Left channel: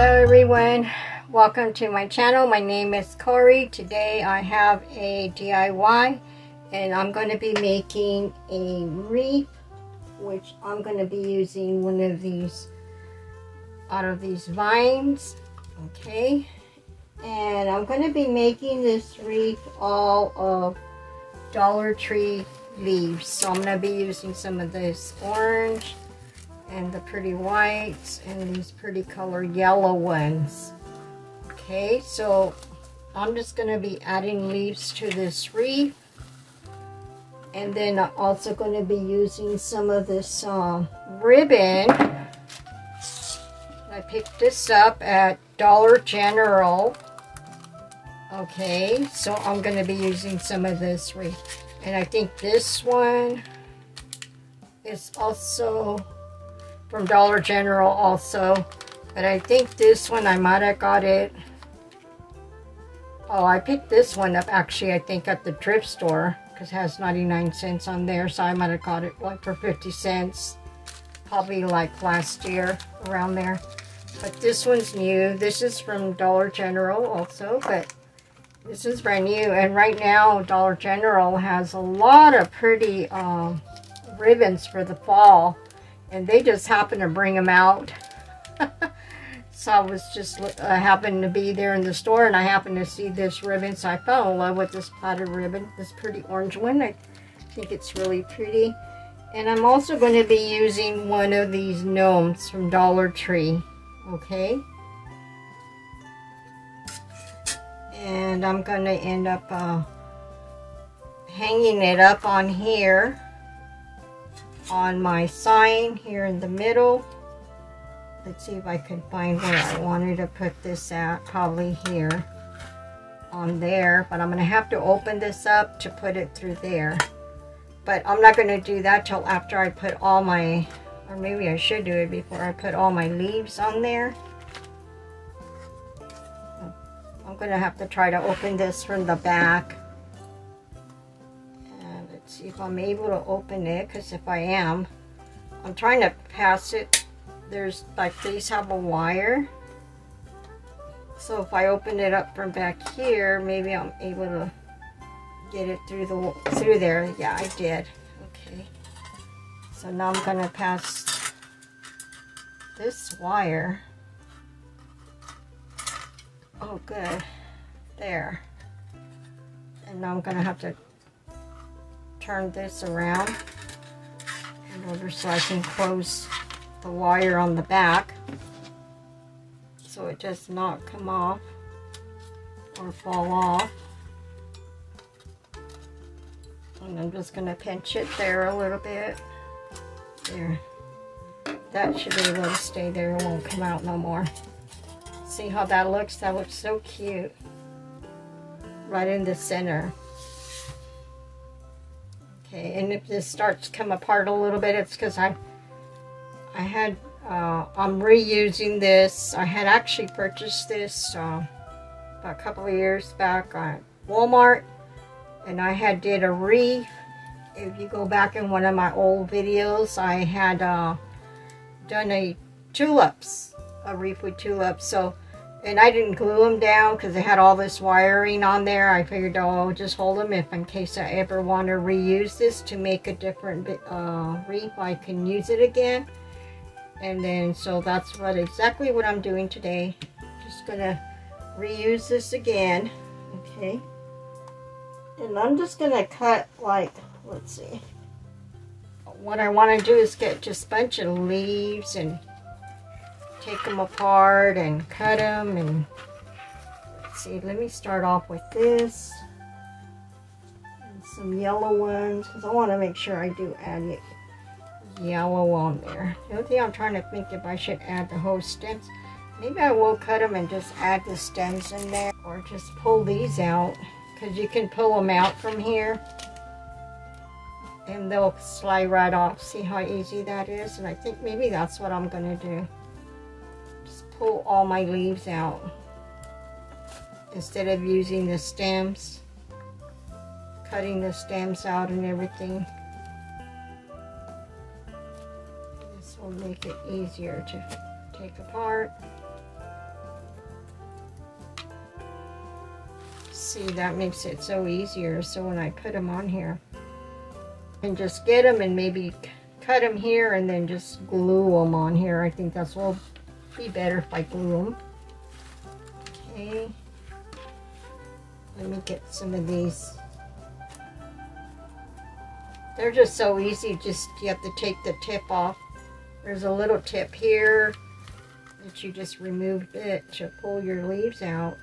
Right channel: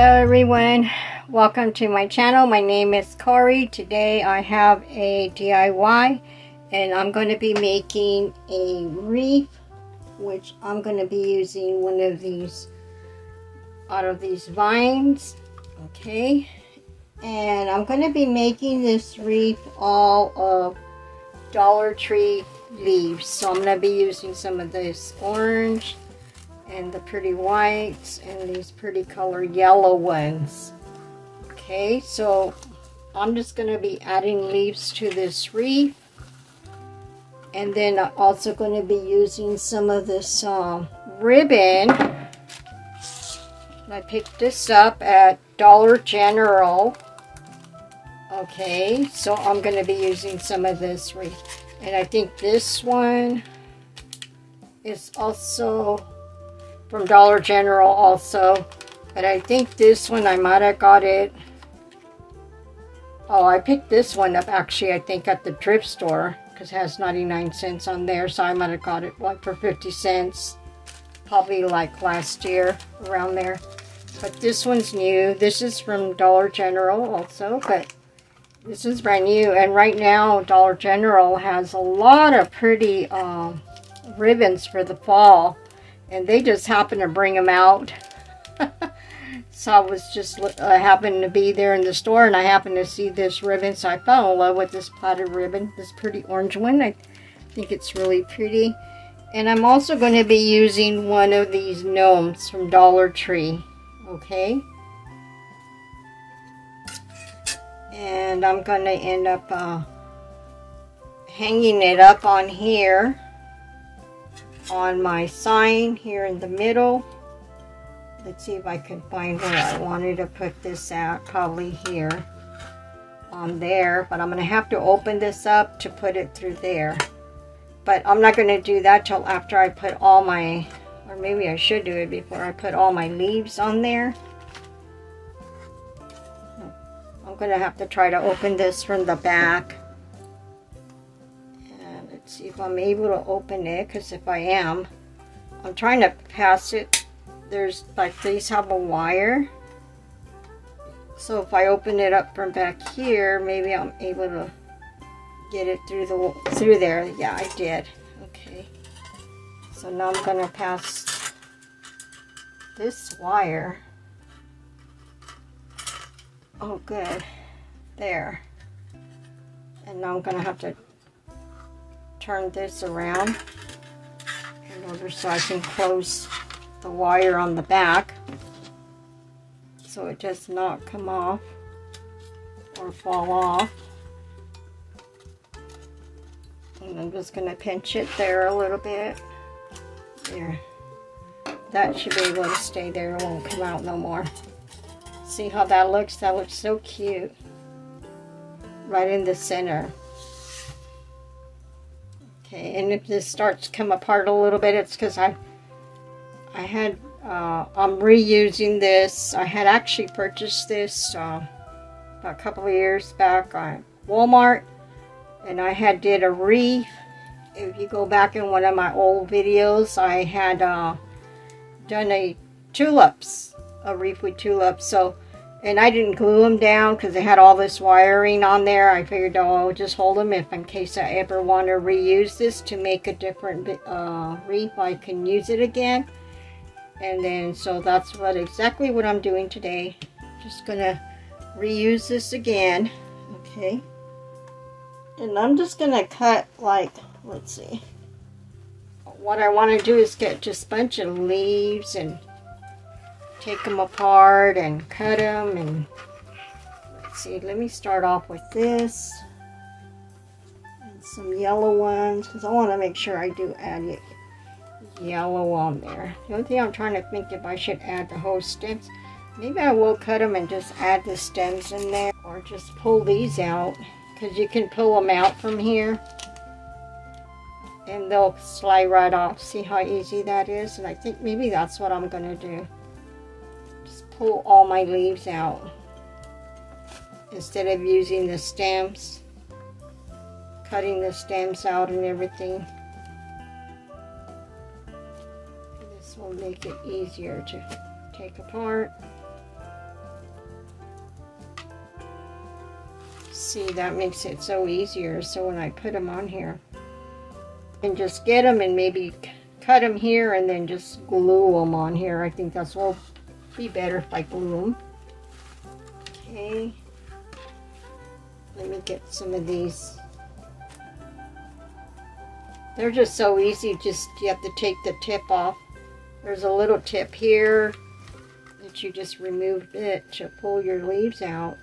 Hello everyone, welcome to my channel. My name is Corey. Today I have a DIY and I'm going to be making a wreath, which I'm going to be using one of these out of these vines. Okay, and I'm going to be making this wreath all of Dollar Tree leaves. So I'm going to be using some of this orange and the pretty whites and these pretty colored yellow ones. Okay, so I'm just going to be adding leaves to this wreath, and then I'm also going to be using some of this ribbon. I picked this up at Dollar General. Okay, so I'm going to be using some of this wreath, and I think this one is also from Dollar General also, but I think this one I might have got it. Oh, I picked this one up actually, I think at the thrift store, because it has 99 cents on there, so I might have got it like for 50 cents, probably like last year around there. But this one's new. This is from Dollar General also, but this is brand new. And right now Dollar General has a lot of pretty ribbons for the fall, and they just happened to bring them out. So I was just happened to be there in the store, and I happened to see this ribbon, so I fell in love with this plaited ribbon, this pretty orange one. I think it's really pretty. And I'm also going to be using one of these gnomes from Dollar Tree. Okay, and I'm going to end up hanging it up on here on my sign here in the middle. Let's see if I can find where I wanted to put this at. Probably here on there, but I'm going to have to open this up to put it through there. But I'm not going to do that till after I put all my, or maybe I should do it before I put all my leaves on there. I'm going to have to try to open this from the back. And let's see if I'm able to open it, because if I am, I'm trying to pass it. There's like these have a wire. So if I open it up from back here, maybe I'm able to get it through there. Yeah, I did. Okay. So now I'm going to pass this wire. Oh, good. There. And now I'm going to have to turn this around in order so I can close the wire on the back so it does not come off or fall off. And I'm just going to pinch it there a little bit. There. That should be able to stay there. It won't come out no more. See how that looks? That looks so cute. Right in the center. Okay, and if this starts to come apart a little bit, it's because I'm reusing this. I had actually purchased this about a couple of years back on Walmart, and I had did a wreath. If you go back in one of my old videos, I had done a wreath with tulips. So, and I didn't glue them down because they had all this wiring on there. I figured, oh, I'll just hold them if in case I ever want to reuse this to make a different wreath, I can use it again. And then, so that's exactly what I'm doing today. Just gonna reuse this again. Okay. And I'm just gonna cut like, let's see. What I want to do is get just a bunch of leaves and take them apart and cut them. And let's see, let me start off with this. And some yellow ones, because I want to make sure I do add it. Yellow on there. The only thing I'm trying to think if I should add the whole stems. Maybe I will cut them and just add the stems in there, or just pull these out, because you can pull them out from here and they'll slide right off. See how easy that is? And I think maybe that's what I'm going to do. Just pull all my leaves out instead of using the stems, cutting the stems out and everything. Will make it easier to take apart. See, that makes it so easier. So when I put them on here, and just get them and maybe cut them here and then just glue them on here. I think that's will be better if I glue them. Okay. Let me get some of these. They're just so easy. Just you have to take the tip off. There's a little tip here that you just remove it to pull your leaves out.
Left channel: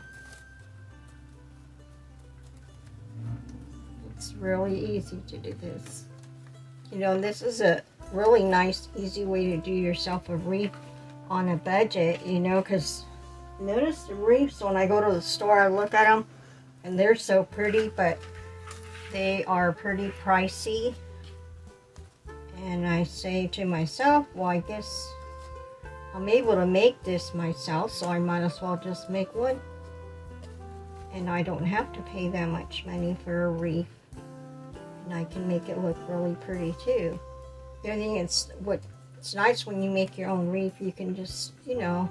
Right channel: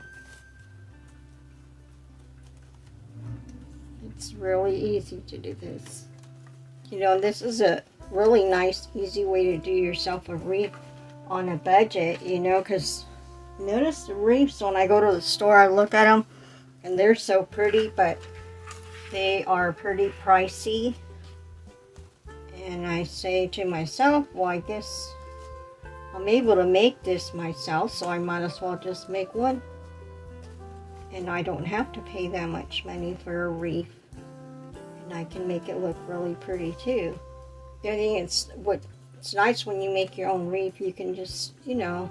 It's really easy to do this. You know, this is a really nice, easy way to do yourself a wreath on a budget, you know, because notice the wreaths when I go to the store, I look at them and they're so pretty, but they are pretty pricey. And I say to myself, well, I guess I'm able to make this myself, so I might as well just make one. And I don't have to pay that much money for a wreath. And I can make it look really pretty too. The other thing is, it's nice when you make your own wreath, you can just, you know,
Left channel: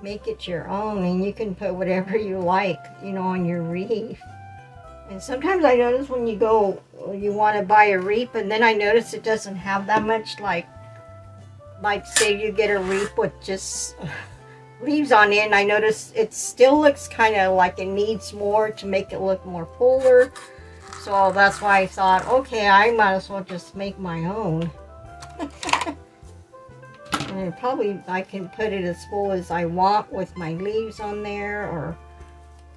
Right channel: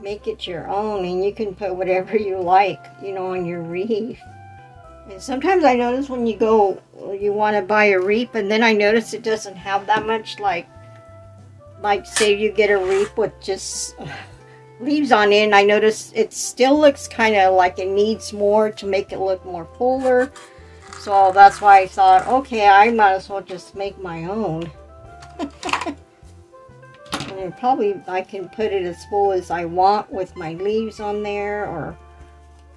make it your own, and you can put whatever you like, you know, on your wreath. And sometimes I notice when you go, you want to buy a wreath, and then I notice it doesn't have that much, like say you get a wreath with just leaves on it, and I notice it still looks kind of like it needs more to make it look more fuller. So that's why I thought, okay, I might as well just make my own. And then probably I can put it as full as I want with my leaves on there,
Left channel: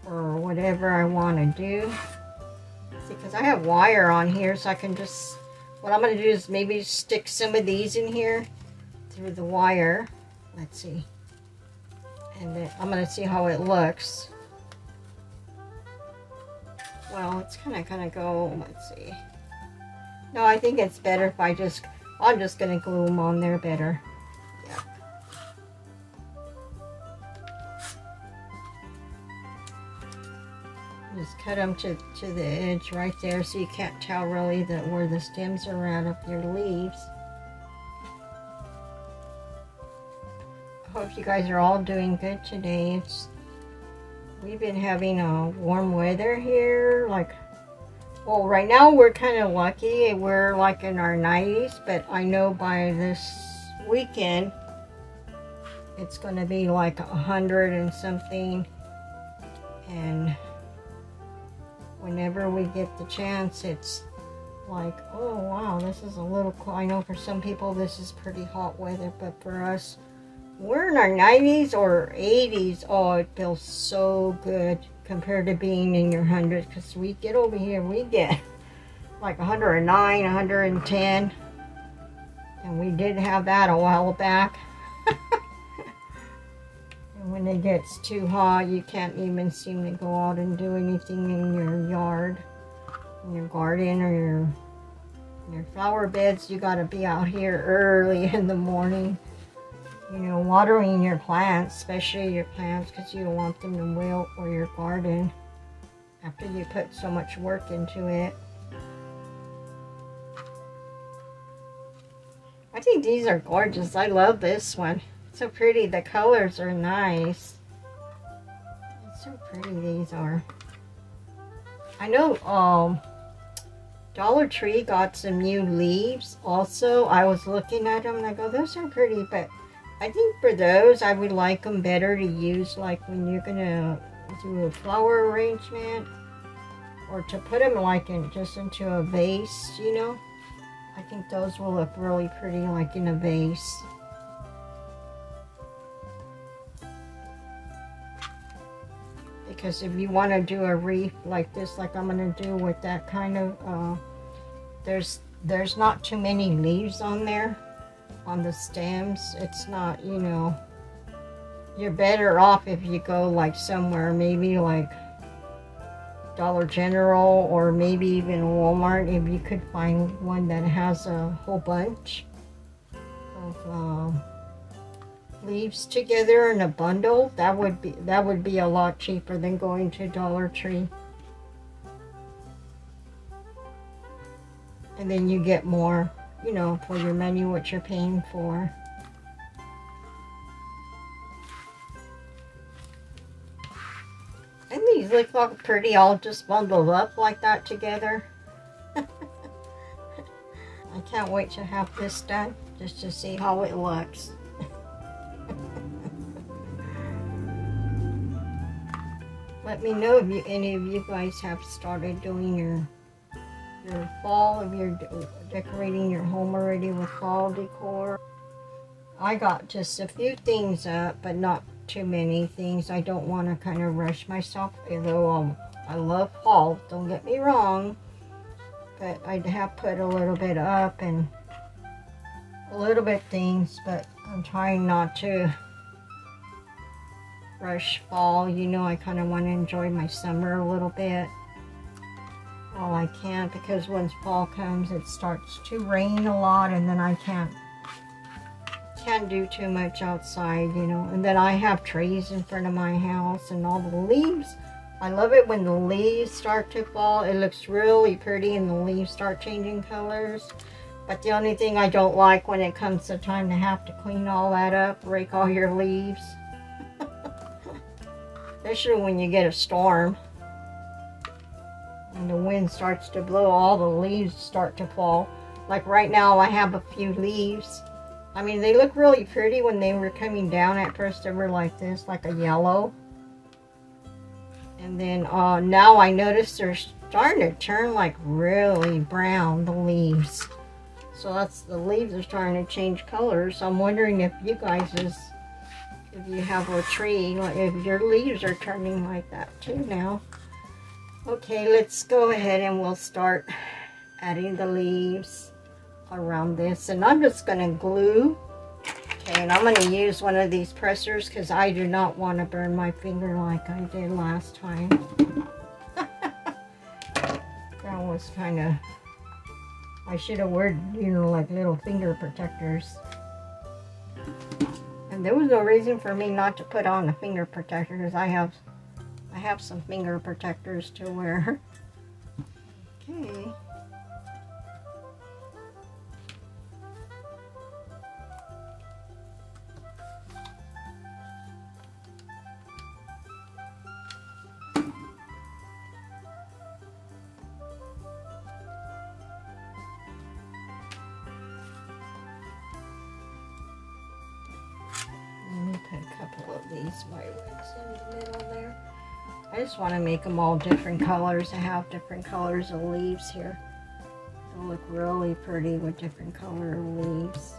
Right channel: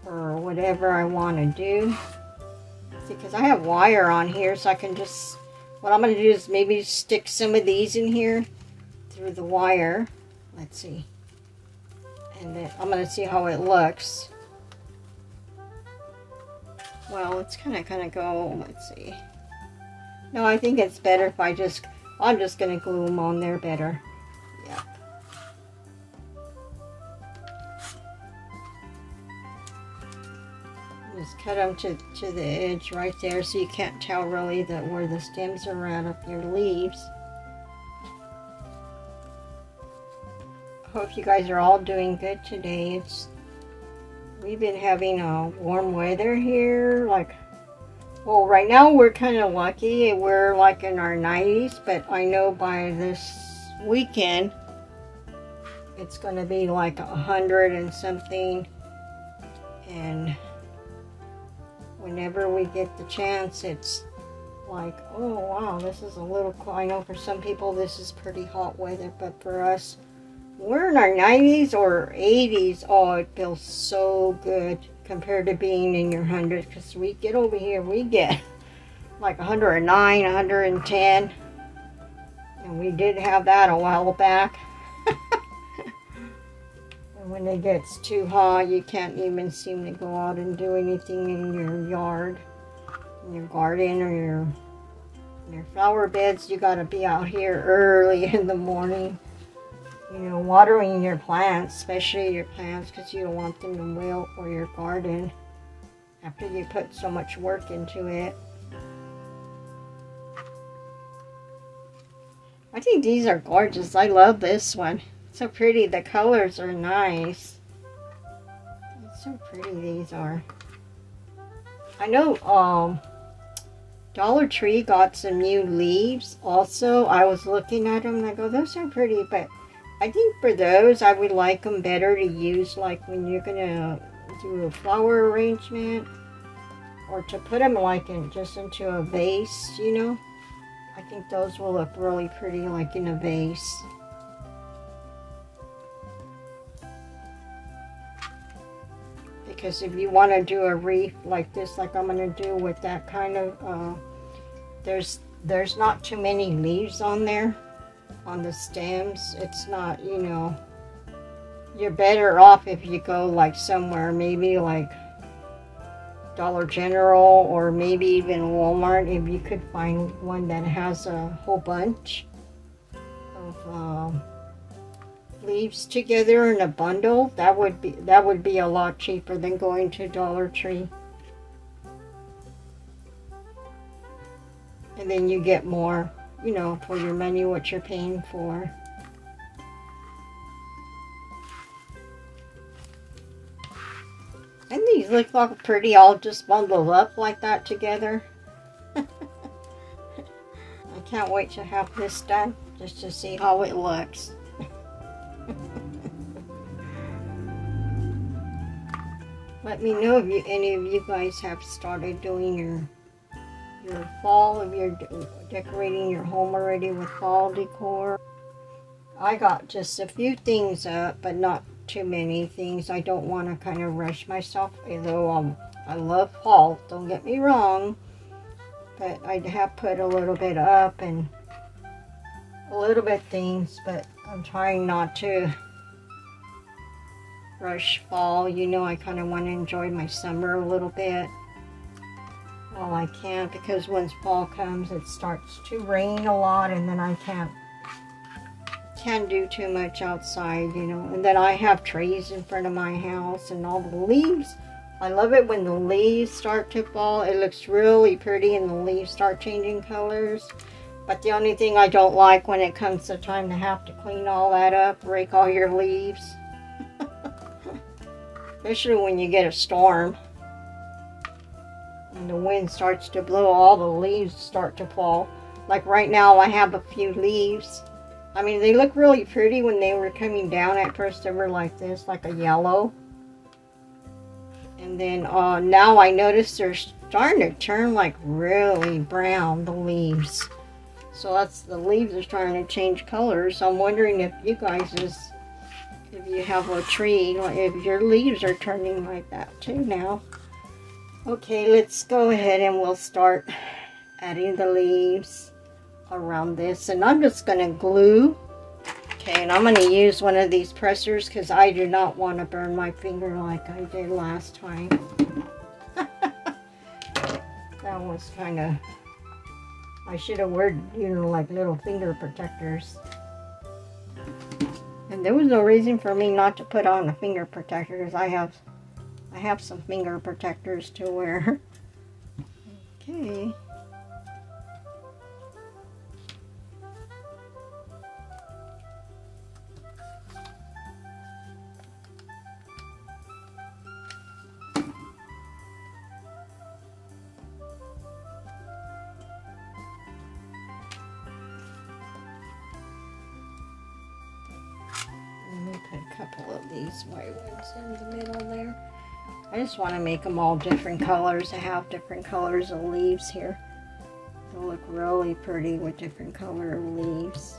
or whatever I want to do. See, because I have wire on here, so I can just, what I'm going to do is maybe stick some of these in here through the wire. Let's see. And then I'm going to see how it looks. Well, it's kind of gonna go, let's see. No, I think it's better if I'm just gonna glue them on there better. Yeah. Just cut them to the edge right there, so you can't tell really where the stems are at of your leaves. I hope you guys are all doing good today. We've been having warm weather here, well, right now we're kind of lucky. We're like in our 90s, but I know by this weekend it's going to be like 100 and something. And whenever we get the chance, it's like, oh wow, this is a little cool. I know for some people this is pretty hot weather, but for us, we're in our 90s or 80s. Oh, it feels so good compared to being in your hundreds, because we get over here, we get like 109, 110, and we did have that a while back. And when it gets too hot, you can't even seem to go out and do anything in your yard, in your garden, or your flower beds. You got to be out here early in the morning, you know, watering your plants, especially your plants, because you don't want them to wilt, or your garden, after you put so much work into it. I think these are gorgeous. I love this one. It's so pretty. The colors are nice. It's so pretty these are. I know Dollar Tree got some new leaves also. I was looking at them and I go, those are pretty, but I think for those, I would like them better to use like when you're gonna do a flower arrangement, or to put them like just into a vase, you know. I think those will look really pretty like in a vase. Because if you want to do a wreath like this, like I'm gonna do with that kind of, there's not too many leaves on there. On the stems, it's not, you know, you're better off if you go like somewhere, maybe like Dollar General, or maybe even Walmart, if you could find one that has a whole bunch of leaves together in a bundle. That would be a lot cheaper than going to Dollar Tree. And then you get more, you know, for your money, what you're paying for. And these look like pretty all just bundled up like that together. I can't wait to have this done just to see how it looks. Let me know if any of you guys have started doing your fall, if you're decorating your home already with fall decor. I got just a few things up, but not too many things. I don't want to kind of rush myself, although I love fall, don't get me wrong. But I have put a little bit up and a little bit things, but I'm trying not to rush fall. You know, I kind of want to enjoy my summer a little bit while I can, because once fall comes it starts to rain a lot, and then I can't do too much outside, you know. And then I have trees in front of my house and all the leaves. I love it when the leaves start to fall. It looks really pretty and the leaves start changing colors. But the only thing I don't like when it comes to time to have to clean all that up, rake all your leaves. Especially when you get a storm and the wind starts to blow, all the leaves start to fall. Like right now I have a few leaves. I mean, they look really pretty when they were coming down. At first they were like this, like a yellow. And then now I notice they're starting to turn like really brown, the leaves. So the leaves are starting to change colors. I'm wondering if you guys, if you have a tree, if your leaves are turning like that too now. Okay, let's go ahead and we'll start adding the leaves around this. And I'm just going to glue. Okay, and I'm going to use one of these pressers because I do not want to burn my finger like I did last time. That was kind of... I should have worn, you know, like little finger protectors. And there was no reason for me not to put on the finger protectors. I have some finger protectors to wear. Okay. Put a couple of these white ones in the middle there. I just want to make them all different colors. I have different colors of leaves here. They'll look really pretty with different color leaves.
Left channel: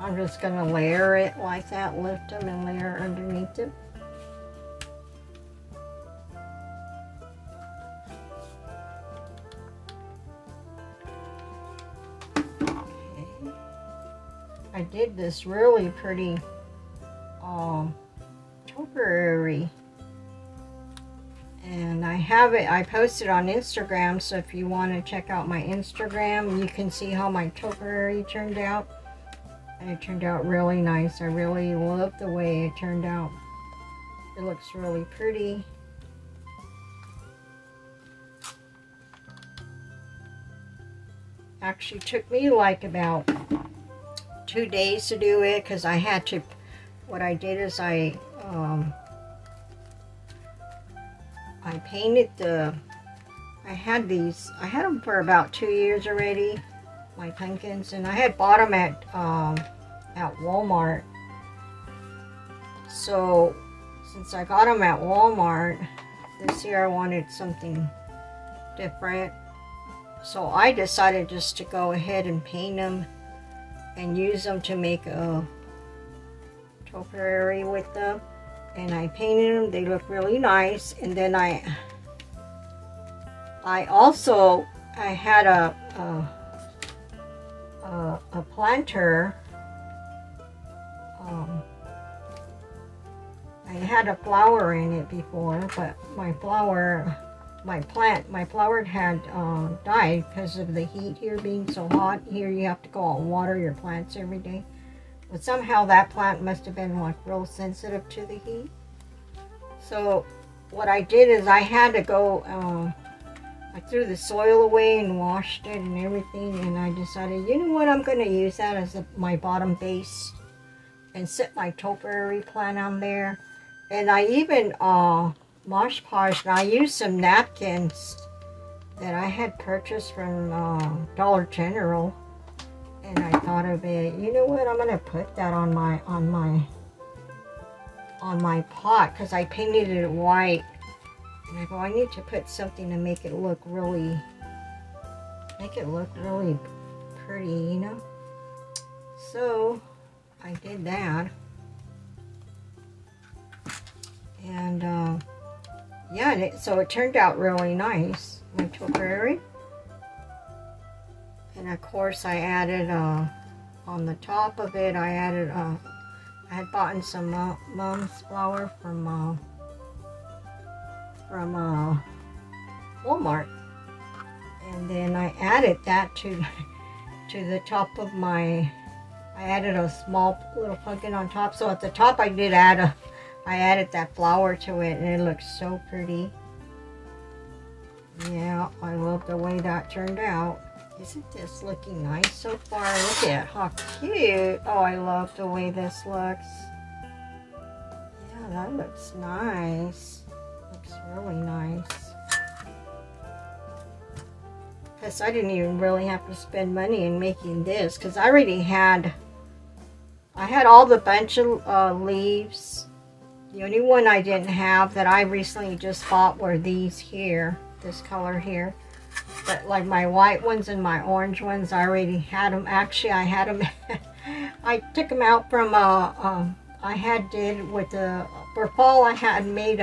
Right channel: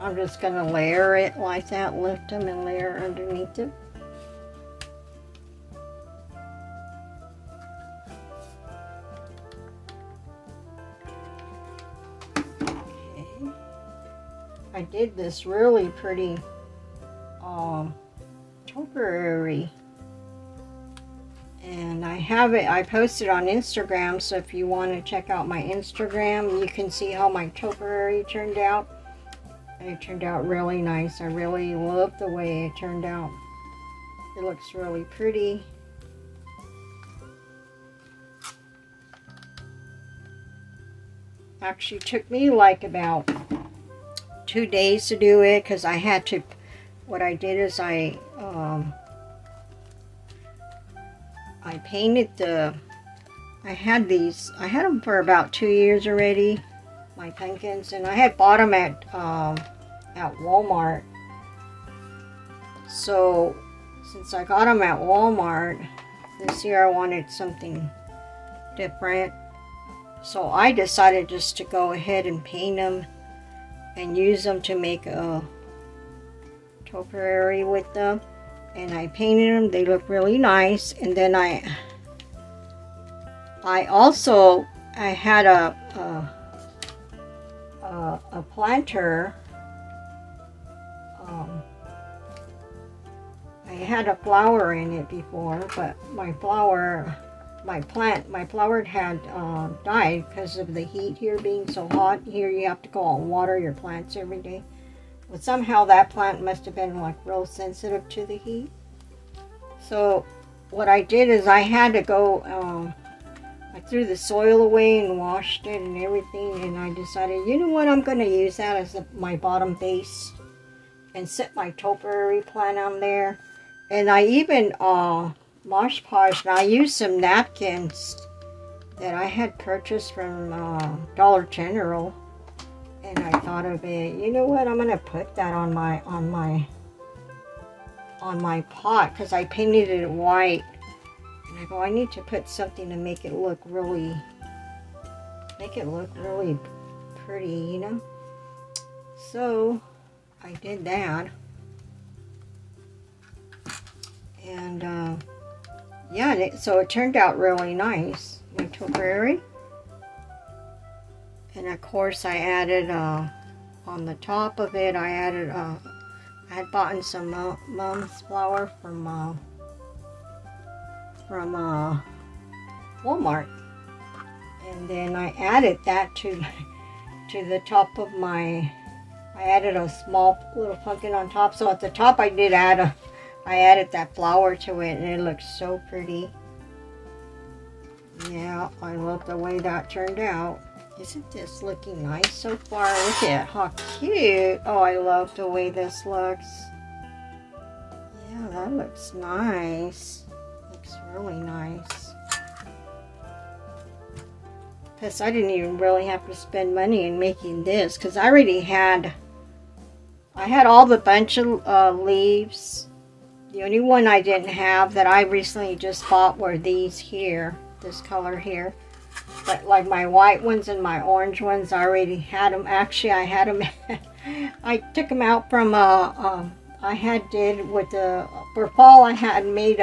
I'm just going to layer it like that, lift them and layer underneath it. I did this really pretty topiary, and I posted on Instagram, so if you want to check out my Instagram, you can see how my topiary turned out. And it turned out really nice. I really love the way it turned out. It looks really pretty. Actually took me like about 2 days to do it, because I had to, what I did is I painted I had them for about 2 years already, my pumpkins, and I had bought them at Walmart. So since I got them at Walmart, this year I wanted something different. So I decided just to go ahead and paint them and use them to make a topiary with them. And I painted them. They look really nice. And then I had a planter. I had a flower in it before, but my flower had died because of the heat here being so hot. Here you have to go out and water your plants every day. But somehow that plant must have been like real sensitive to the heat. So what I did is I had to go, I threw the soil away and washed it and everything, and I decided, you know what, I'm going to use that as my bottom base. and set my topiary plant on there. And I even mosh polished, and I used some napkins that I had purchased from Dollar General. And I thought of it, you know what, I'm going to put that on my pot, because I painted it white. And I go, I need to put something to make it look really pretty, you know. So I did that. And yeah, so it turned out really nice, my topiary. And of course I added on the top of it, I added I had bought some mum's flower from Walmart, and then I added that to the top of my. I added a small little pumpkin on top. So at the top I did add I added that flower to it, and it looks so pretty. Yeah, I love the way that turned out. Isn't this looking nice so far? Look at how cute. Oh, I love the way this looks. Yeah, that looks nice. Looks really nice. Plus, I didn't even really have to spend money in making this, because I already had, I had all the bunch of leaves. The only one I didn't have that I recently just bought were these here, this color here. But like my white ones and my orange ones, I already had them. Actually, I had them, I took them out from, I had did with the, for fall I had made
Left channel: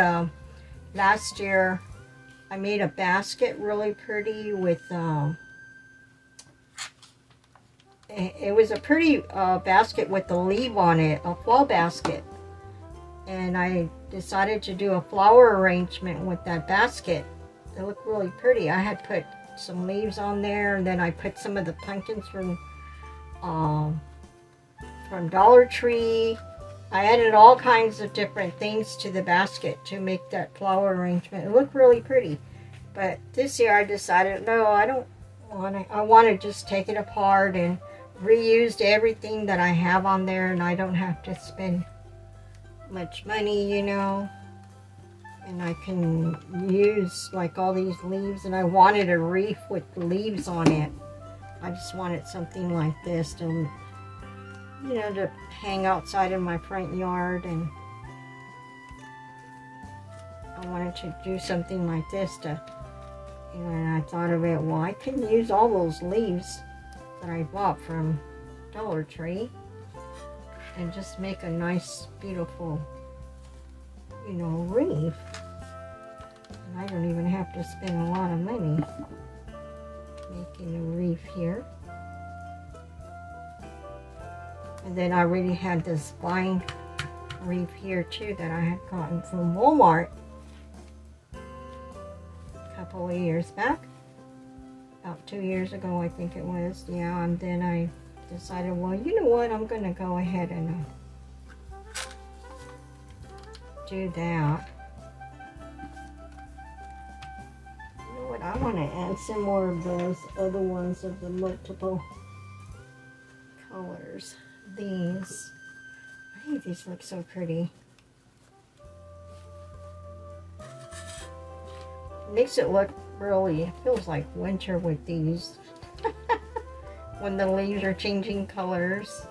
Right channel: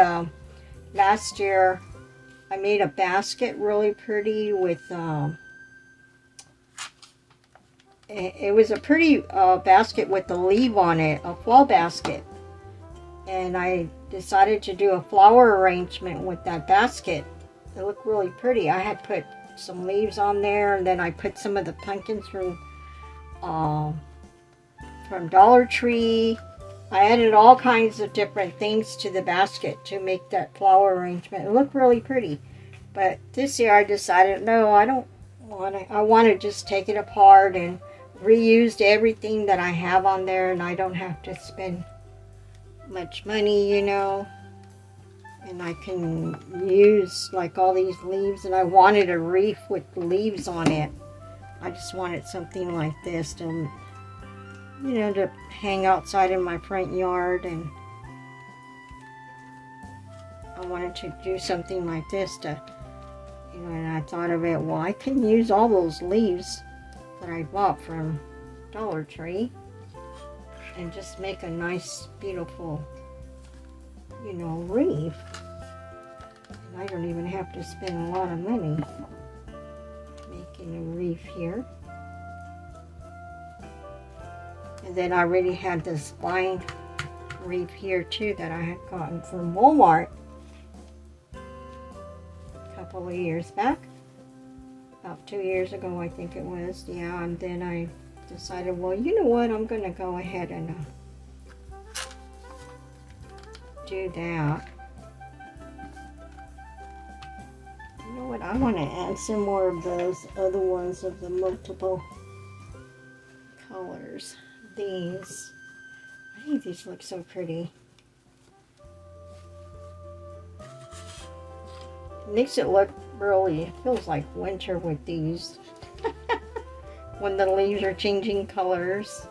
last year, I made a basket really pretty with, it was a pretty basket with the leaf on it, a fall basket. And I decided to do a flower arrangement with that basket. It looked really pretty. I had put some leaves on there, and then I put some of the pumpkins from Dollar Tree. I added all kinds of different things to the basket to make that flower arrangement. It looked really pretty. But this year I decided, no, I don't want to. I want to just take it apart and reuse everything that I have on there, and I don't have to spend much money, you know. And I can use like all these leaves, and I wanted a wreath with leaves on it. I just wanted something like this to, you know, to hang outside in my front yard, and I wanted to do something like this to, you know, and I thought of it, well, I can use all those leaves that I bought from Dollar Tree and just make a nice, beautiful, you know, wreath. And I don't even have to spend a lot of money making a wreath here. And then I already had this vine wreath here too that I had gotten from Walmart a couple of years back. About 2 years ago, I think it was. Yeah, and then I decided, well, you know what, I'm going to go ahead and do that. You know what, I want to add some more of those other ones of the multiple colors. These. I think these look so pretty. It makes it look really, it feels like winter with these. When the leaves are changing colors.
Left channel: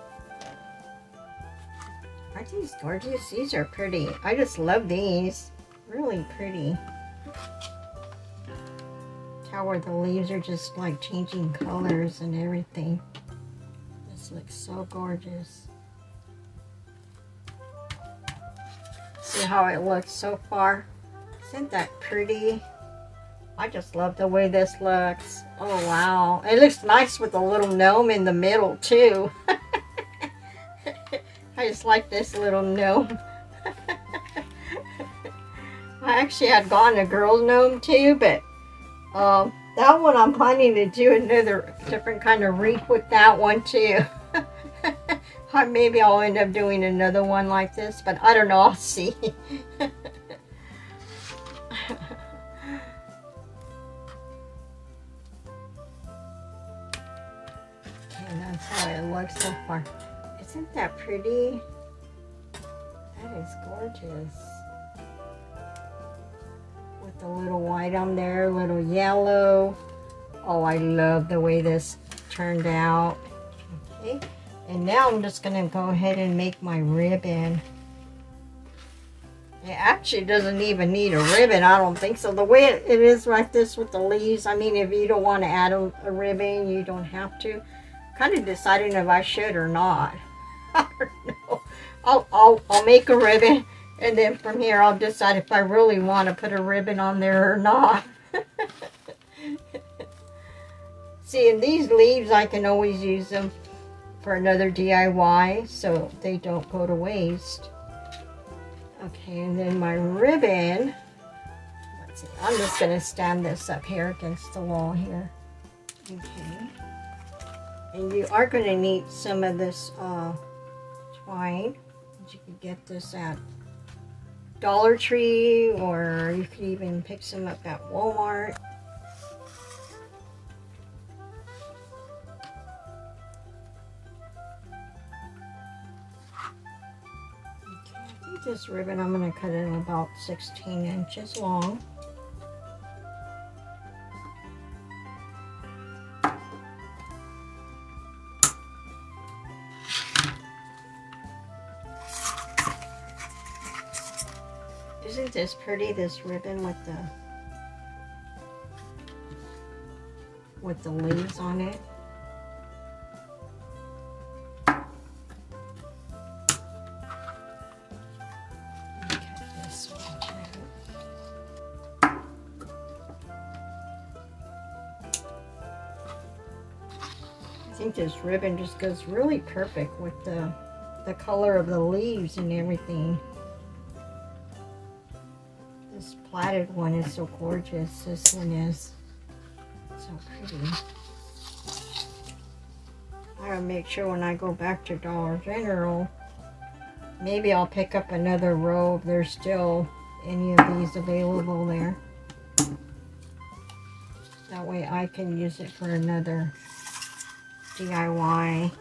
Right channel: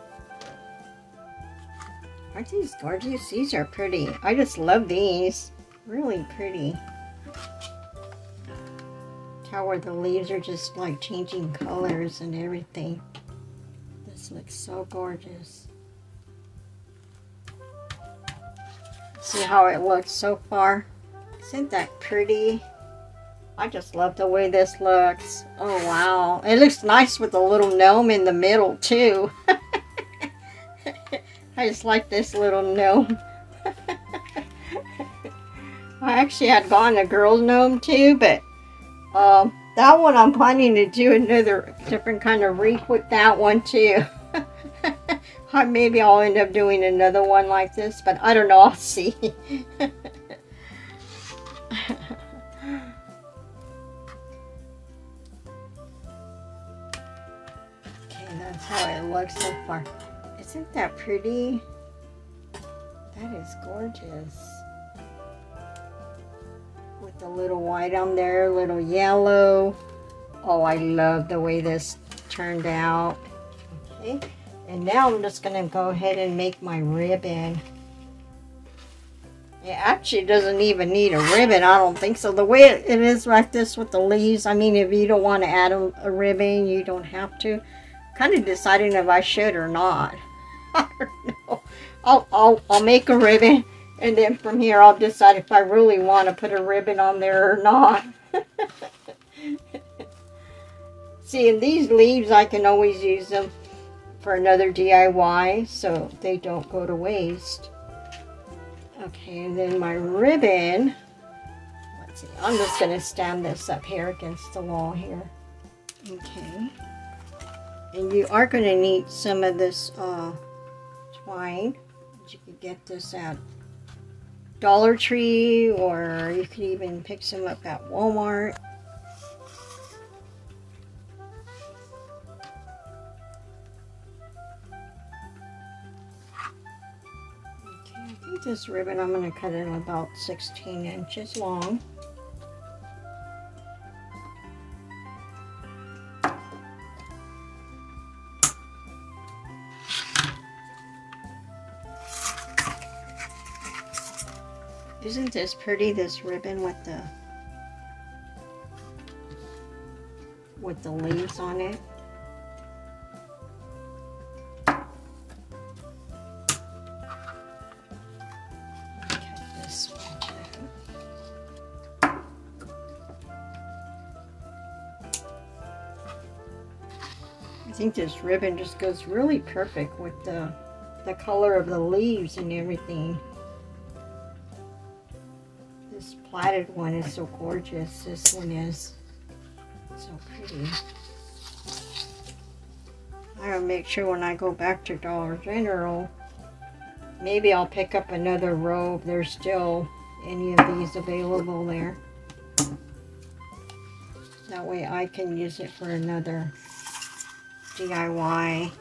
Aren't these gorgeous? These are pretty. I just love these. Really pretty. How where the leaves are just like changing colors and everything. This looks so gorgeous. See how it looks so far? Isn't that pretty? I just love the way this looks. Oh wow. It looks nice with a little gnome in the middle too. I just like this little gnome. I actually had gotten a girl gnome too, but that one I'm planning to do another different kind of wreath with that one too. Maybe I'll end up doing another one like this, but I don't know. I'll see. That's how it looks so far. Isn't that pretty? That is gorgeous. With the little white on there, little yellow. Oh, I love the way this turned out. Okay. And now I'm just going to go ahead and make my ribbon. It actually doesn't even need a ribbon, I don't think so. The way it is like this with the leaves, I mean, if you don't want to add a ribbon, you don't have to. Kind of deciding if I should or not. I don't know. I'll make a ribbon, and then from here I'll decide if I really want to put a ribbon on there or not. See, in these leaves, I can always use them for another DIY, so they don't go to waste. Okay, and then my ribbon, let's see, I'm just going to stand this up here against the wall here. Okay. And you are going to need some of this twine. You can get this at Dollar Tree, or you could even pick some up at Walmart. This ribbon, I'm going to cut it about 16 inches long. Isn't this pretty, this ribbon with the leaves on it? I think this ribbon just goes really perfect with the color of the leaves and everything. This plaited one is so gorgeous. This one is so pretty. I'll make sure when I go back to Dollar General, maybe I'll pick up another robe. There's still any of these available there. That way I can use it for another DIY.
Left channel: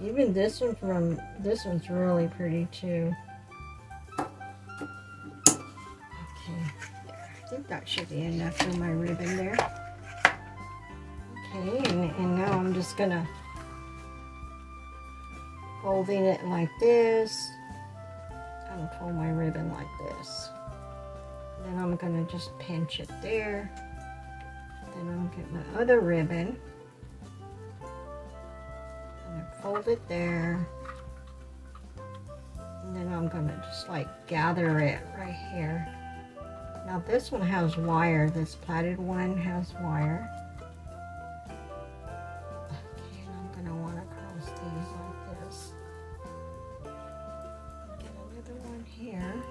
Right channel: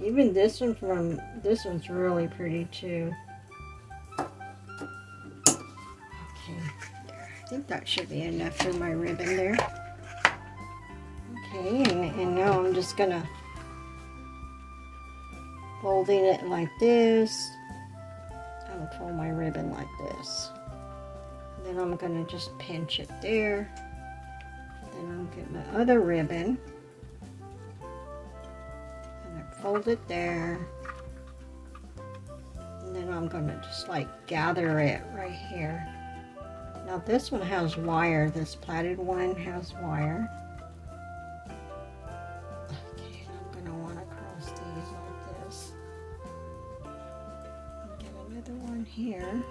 Even this one's really pretty too. Okay, I think that should be enough for my ribbon there. Okay, and now I'm just gonna folding it like this and fold my ribbon like this. Then I'm gonna just pinch it there. Then I'll get my other ribbon and I fold it there. And then I'm gonna just like gather it right here. Now this one has wire. This plaited one has wire. Okay, and I'm gonna want to cross these like this. Get another one here.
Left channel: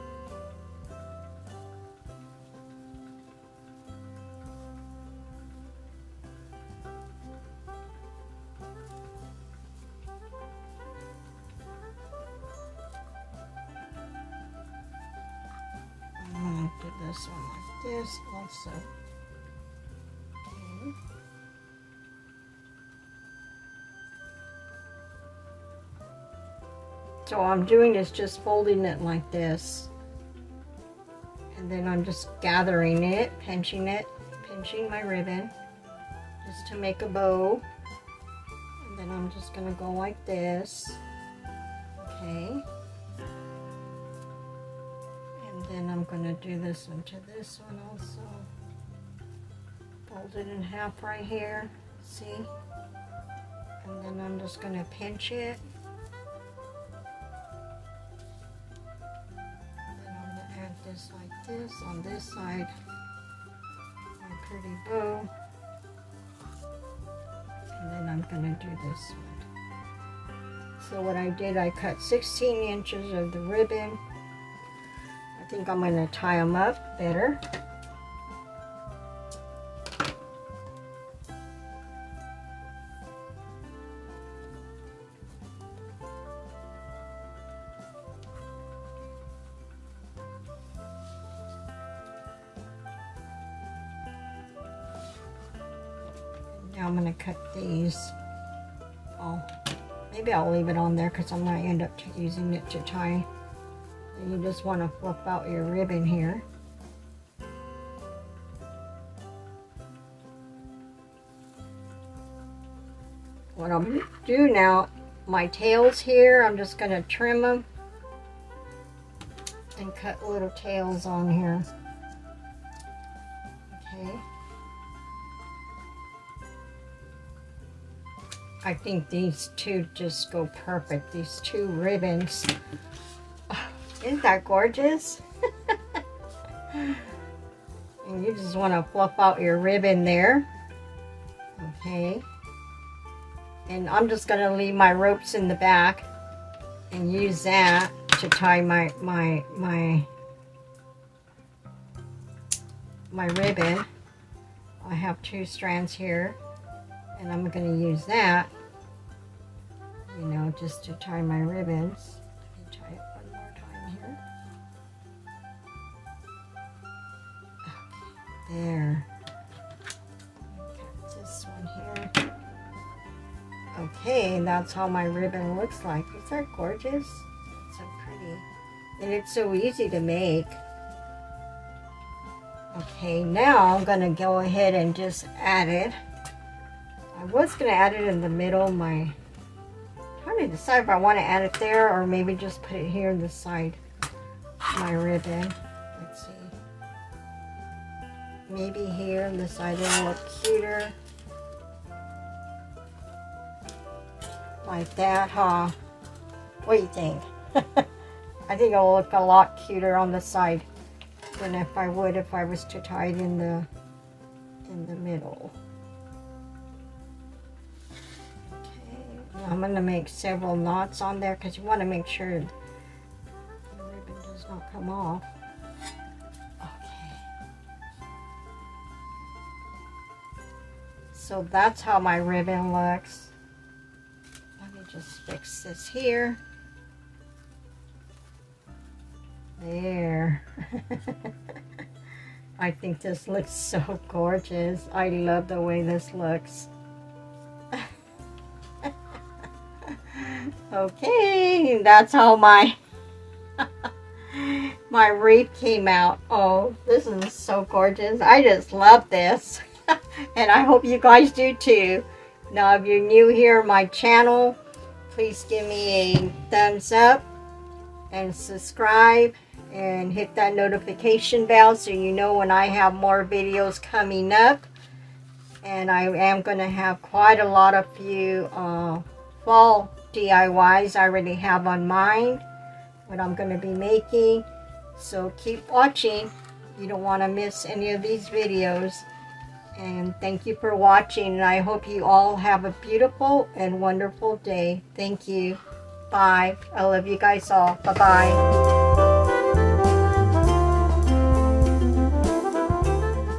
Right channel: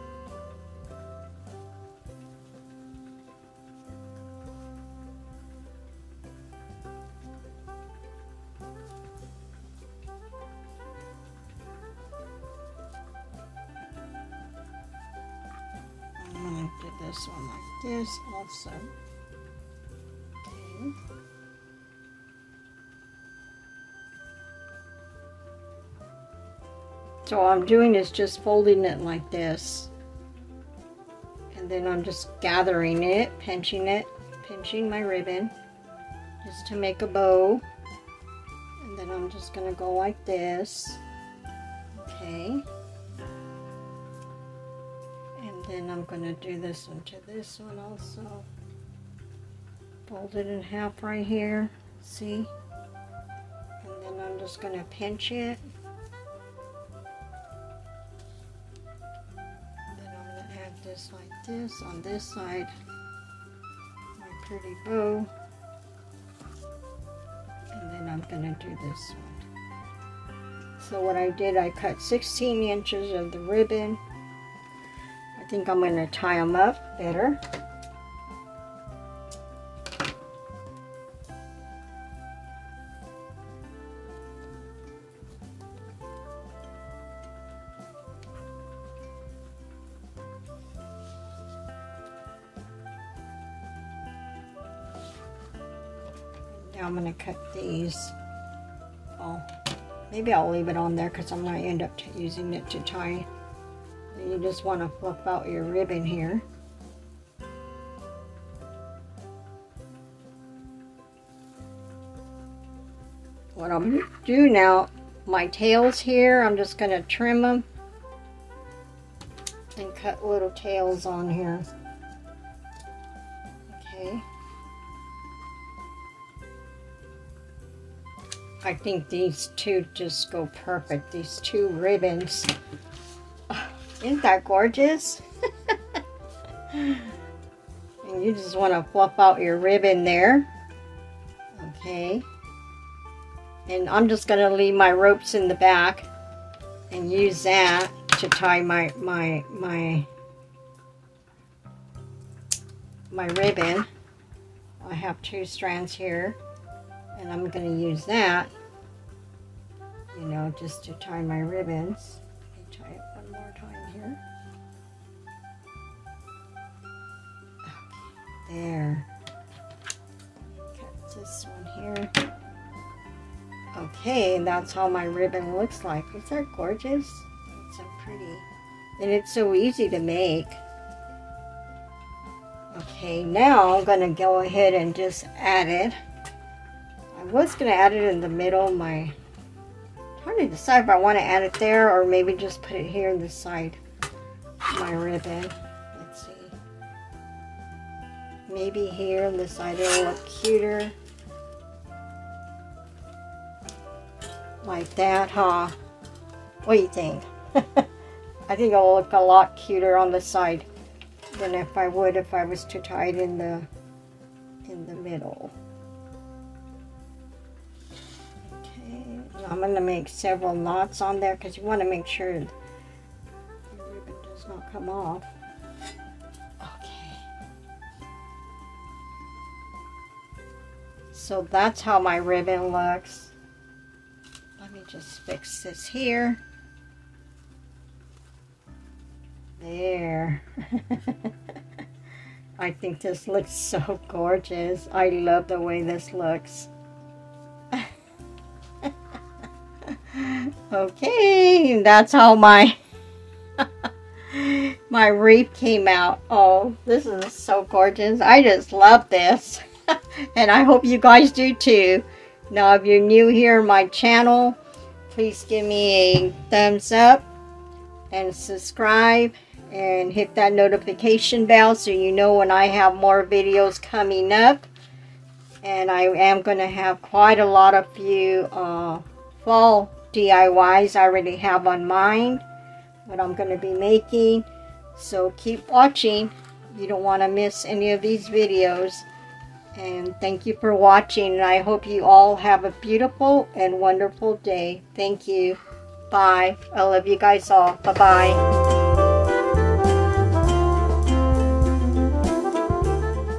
This one like this also. Okay. So all I'm doing is just folding it like this, and then I'm just gathering it, pinching my ribbon just to make a bow, and then I'm just going to go like this. Okay. Then I'm going to do this one to this one also. Fold it in half right here, see? And then I'm just going to pinch it. Then I'm going to add this like this on this side. My pretty bow. And then I'm going to do this one. So what I did, I cut 16 inches of the ribbon. I think I'm going to tie them up better. Now I'm going to cut these. I'll Maybe I'll leave it on there because I might end up using it to tie. You just want to flip out your ribbon here. What I'm going to do now, my tails here, I'm just going to trim them and cut little tails on here. Okay. I think these two just go perfect. These two ribbons. Oh, isn't that gorgeous? And you just want to fluff out your ribbon there. Okay. And I'm just going to leave my ropes in the back and use that to tie my ribbon. I have 2 strands here, and I'm going to use that, you know, just to tie my ribbons. Let me tie it one more time here. Okay, there. Cut this one here. Okay, and that's how my ribbon looks like. Is that gorgeous? It's so pretty. And it's so easy to make. Okay, now I'm going to go ahead and just add it. I was going to add it in the middle of my... I'm trying to decide if I want to add it there or maybe just put it here on the side of my ribbon. Let's see. Maybe here on the side it'll look cuter. Like that, huh? What do you think? I think it'll look a lot cuter on the side than if I was to tie it in the middle. Okay, I'm going to make several knots on there because you want to make sure the ribbon does not come off. Okay. So that's how my ribbon looks. Just fix this here. There. I think this looks so gorgeous. I love the way this looks. Okay, that's how my my wreath came out. Oh, this is so gorgeous. I just love this. And I hope you guys do too. Now, if you're new here on my channel, please give me a thumbs up and subscribe and hit that notification bell so you know when I have more videos coming up. And I am going to have quite a lot of few fall DIYs I already have on mine, what I'm going to be making. So keep watching. You don't want to miss any of these videos. And thank you for watching, and I hope you all have a beautiful and wonderful day. Thank you. Bye. I love you guys all. Bye-bye.